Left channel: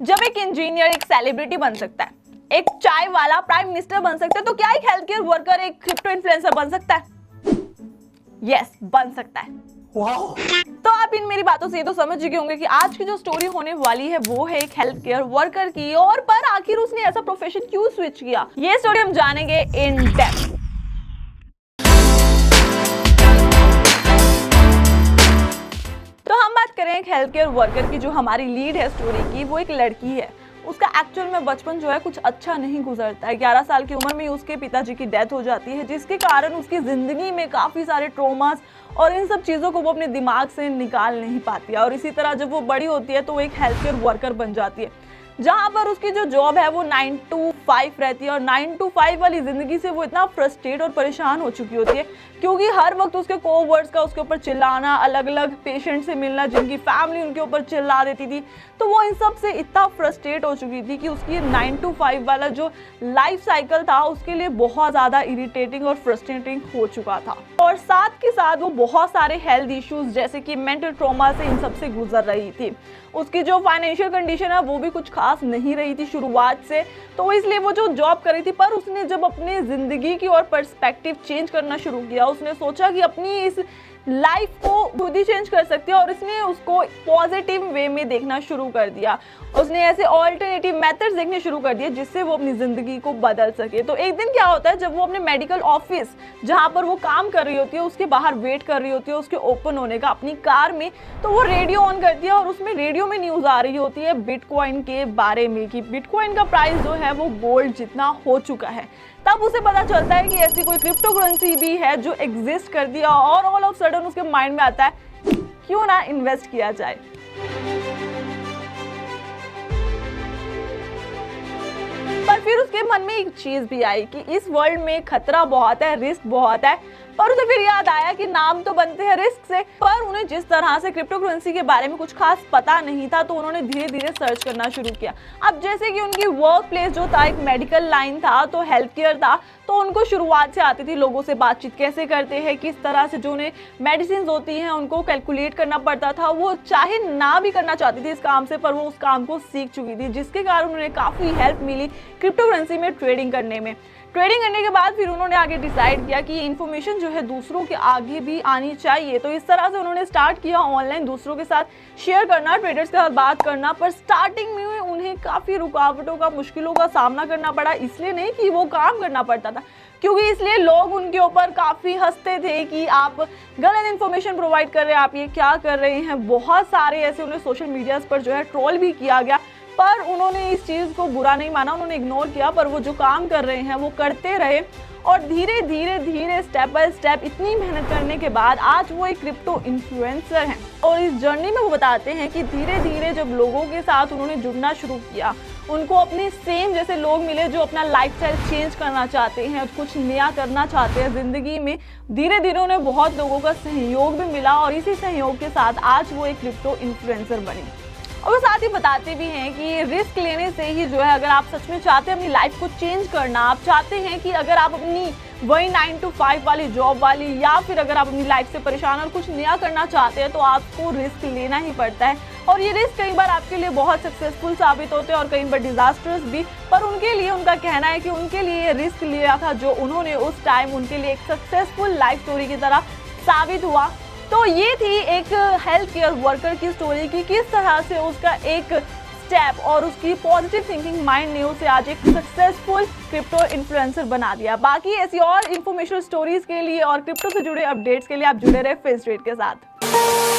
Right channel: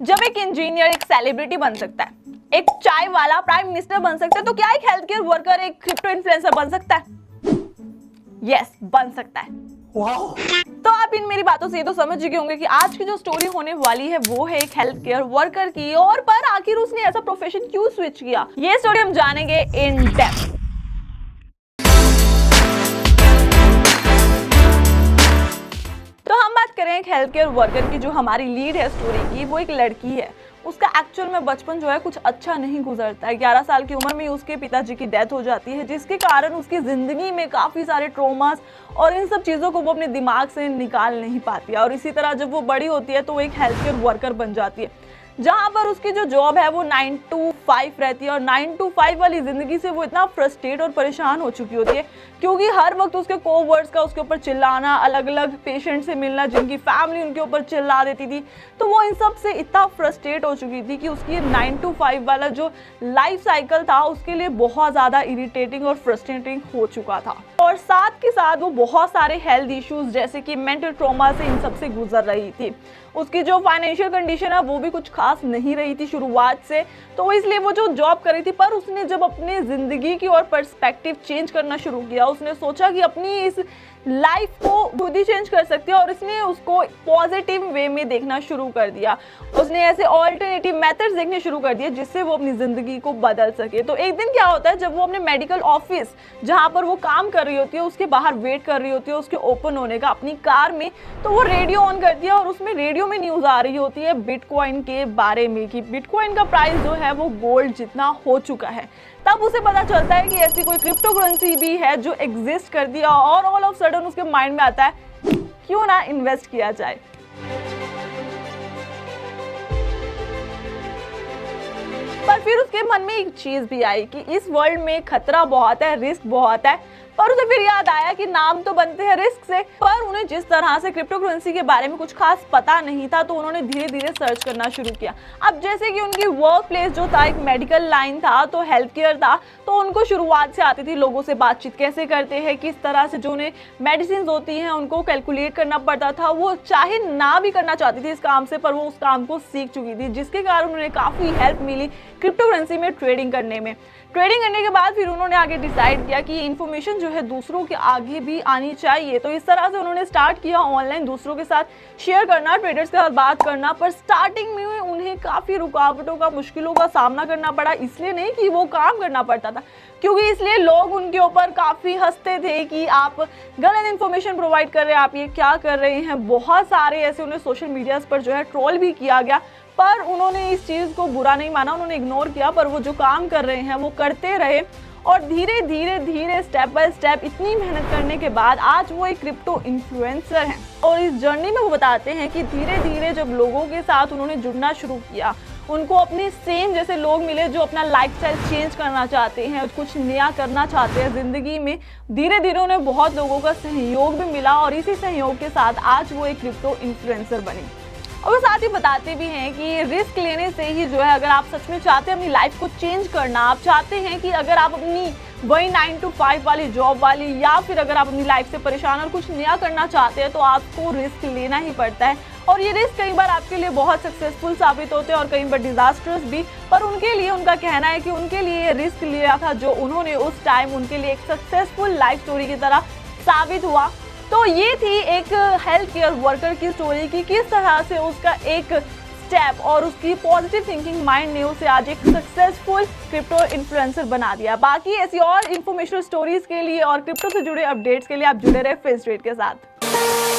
जब एक इंजीनियर एक सेलिब्रिटी बन सकता है, एक चाय वाला प्राइम मिनिस्टर बन सकता है, तो क्या एक हेल्थ केयर वर्कर एक क्रिप्टो इन्फ्लुएंसर बन सकता है? यस, बन सकता है। वाओ! तो आप इन मेरी बातों से ये तो समझ चुके होंगे कि आज की जो स्टोरी होने वाली है वो है एक हेल्थ केयर वर्कर की, और पर आखिर उसने ऐसा प्रोफेशन क्यों स्विच किया, ये स्टोरी हम जानेंगे इन डेप्थ। तो हम बात करें एक हेल्थ केयर वर्कर की जो हमारी लीड है स्टोरी की, वो एक लड़की है। उसका एक्चुअल में बचपन जो है कुछ अच्छा नहीं गुजरता है। 11 साल की उम्र में उसके पिताजी की डेथ हो जाती है, जिसके कारण उसकी जिंदगी में काफी सारे ट्रॉमास और इन सब चीजों को वो अपने दिमाग से निकाल नहीं पाती है। और इसी तरह जब वो बड़ी होती है तो वो एक हेल्थ केयर वर्कर बन जाती है, जहां पर उसकी जो जॉब है वो 9 to 5 रहती है। और 9 to 5 वाली जिंदगी से वो इतना फ्रस्ट्रेट और परेशान हो चुकी होती है, क्योंकि हर वक्त उसके कोवर्कर्स का उसके ऊपर चिल्लाना, अलग अलग पेशेंट से मिलना जिनकी फैमिली उनके ऊपर चिल्ला देती थी। तो वो इन सब से इतना फ्रस्ट्रेट हो चुकी थी कि उसकी 9 to 5 वाला जो लाइफ साइकिल था उसके लिए बहुत ज्यादा इरिटेटिंग और फ्रस्ट्रेटिंग हो चुका था। और साथ के साथ वो बहुत सारे हेल्थ इश्यूज जैसे कि मेंटल ट्रॉमा से इन सब से गुजर रही थी। उसकी जो फाइनेंशियल कंडीशन है वो भी कुछ खास नहीं रही थी शुरुआत से, तो इसलिए वो जो जॉब कर रही थी। पर उसने जब अपने जिंदगी की और पर्सपेक्टिव चेंज करना शुरू किया, उसने सोचा कि अपनी इस लाइफ को खुद ही चेंज कर सकती है, और इसने उसको पॉजिटिव वे में देखना शुरू कर दिया। उसने ऐसे ऑल्टरनेटिव मेथड्स देखने शुरू कर दिए जिससे वो अपनी जिंदगी को बदल सके। तो एक दिन क्या होता है, जब वो अपने मेडिकल ऑफिस जहां पर वो काम कर रही होती है उसके बाहर वेट कर रही होती है उसके ओपन होने का अपनी कार में, तो वो रेडियो ऑन करती है और उसमें रेडियो में न्यूज आ रही होती है बिटकॉइन के बारे में कि बिटकॉइन का प्राइस जो है वो गोल्ड जितना हो चुका है। तब उसे पता चलता है कि ऐसी कोई क्रिप्टो करेंसी भी है जो एग्जिस्ट कर दिया, और ऑल ऑफ सडन उसके माइंड में आता है क्यों ना इन्वेस्ट किया जाए। पर फिर उसके मन में एक चीज भी आई कि इस वर्ल्ड में खतरा बहुत है, रिस्क बहुत है। पर उसे फिर याद आया कि नाम तो बनते हैं रिस्क से, पर उन्हें जिस तरह से क्रिप्टो करेंसी के बारे में कुछ खास पता नहीं था, तो उन्होंने धीरे धीरे सर्च करना शुरू किया। अब जैसे कि उनकी वर्क प्लेस जो था एक मेडिकल लाइन था, तो हेल्थ केयर था, तो उनको शुरुआत से आती थी लोगों से बातचीत कैसे करते हैं, किस तरह से जो उन्हें मेडिसिन होती हैं उनको कैलकुलेट करना पड़ता था। वो चाहे ना भी करना चाहती थी इस काम से, पर वो उस काम को सीख चुकी थी, जिसके कारण उन्हें काफी हेल्प मिली क्रिप्टो करेंसी में ट्रेडिंग करने में। ट्रेडिंग करने के बाद फिर उन्होंने आगे डिसाइड किया कि इन्फॉर्मेशन जो है दूसरों के आगे भी आनी चाहिए। तो इस तरह से उन्होंने स्टार्ट किया ऑनलाइन दूसरों के साथ शेयर करना, ट्रेडर्स के साथ बात करना। पर स्टार्टिंग में उन्हें काफी रुकावटों का, मुश्किलों का सामना करना पड़ा। इसलिए नहीं कि वो काम करना पड़ता था, क्योंकि इसलिए लोग उनके ऊपर काफी हंसते थे कि आप गलत इन्फॉर्मेशन प्रोवाइड कर रहे हैं, आप ये क्या कर रहे हैं। बहुत सारे ऐसे उन्हें सोशल मीडिया पर जो है ट्रोल भी किया गया, पर उन्होंने इस चीज को बुरा नहीं माना, उन्होंने इग्नोर किया। पर वो जो काम कर रहे हैं वो करते रहे, और धीरे धीरे धीरे स्टेप बाय स्टेप इतनी मेहनत करने के बाद आज वो एक क्रिप्टो इन्फ्लुएंसर हैं। और इस जर्नी में वो बताते हैं कि धीरे धीरे जब लोगों के साथ उन्होंने जुड़ना शुरू किया, उनको अपने सेम जैसे लोग मिले जो अपना लाइफस्टाइल चेंज करना चाहते हैं, कुछ नया करना चाहते हैं जिंदगी में। धीरे धीरे उन्हें बहुत लोगों का सहयोग भी मिला, और इसी सहयोग के साथ आज वो एक क्रिप्टो इन्फ्लुएंसर बने। और वो साथ ही बताते भी हैं कि रिस्क लेने से ही जो है, अगर आप सच में चाहते हैं अपनी लाइफ को चेंज करना, आप चाहते हैं कि अगर आप अपनी वही 9 to 5 वाली जॉब वाली, या फिर अगर आप अपनी लाइफ से परेशान और कुछ नया करना चाहते हैं, तो आपको रिस्क लेना ही पड़ता है। और ये रिस्क कई बार आपके लिए बहुत सक्सेसफुल साबित होते हैं और कई बार डिजास्टर्स भी। और उनके लिए उनका कहना है कि उनके लिए ये रिस्क लिया था जो उन्होंने उस टाइम उनके लिए एक सक्सेसफुल लाइफ स्टोरी की तरह साबित हुआ। तो ये थी एक हेल्थ केयर वर्कर की स्टोरी की किस तरह से उसका एक स्टेप और उसकी पॉजिटिव थिंकिंग माइंड ने उसे आज एक सक्सेसफुल क्रिप्टो इन्फ्लुएंसर बना दिया। बाकी ऐसी और इन्फॉर्मेशन स्टोरीज के लिए और क्रिप्टो से जुड़े अपडेट्स के लिए आप जुड़े रहे फिंस्ट्रेट के साथ।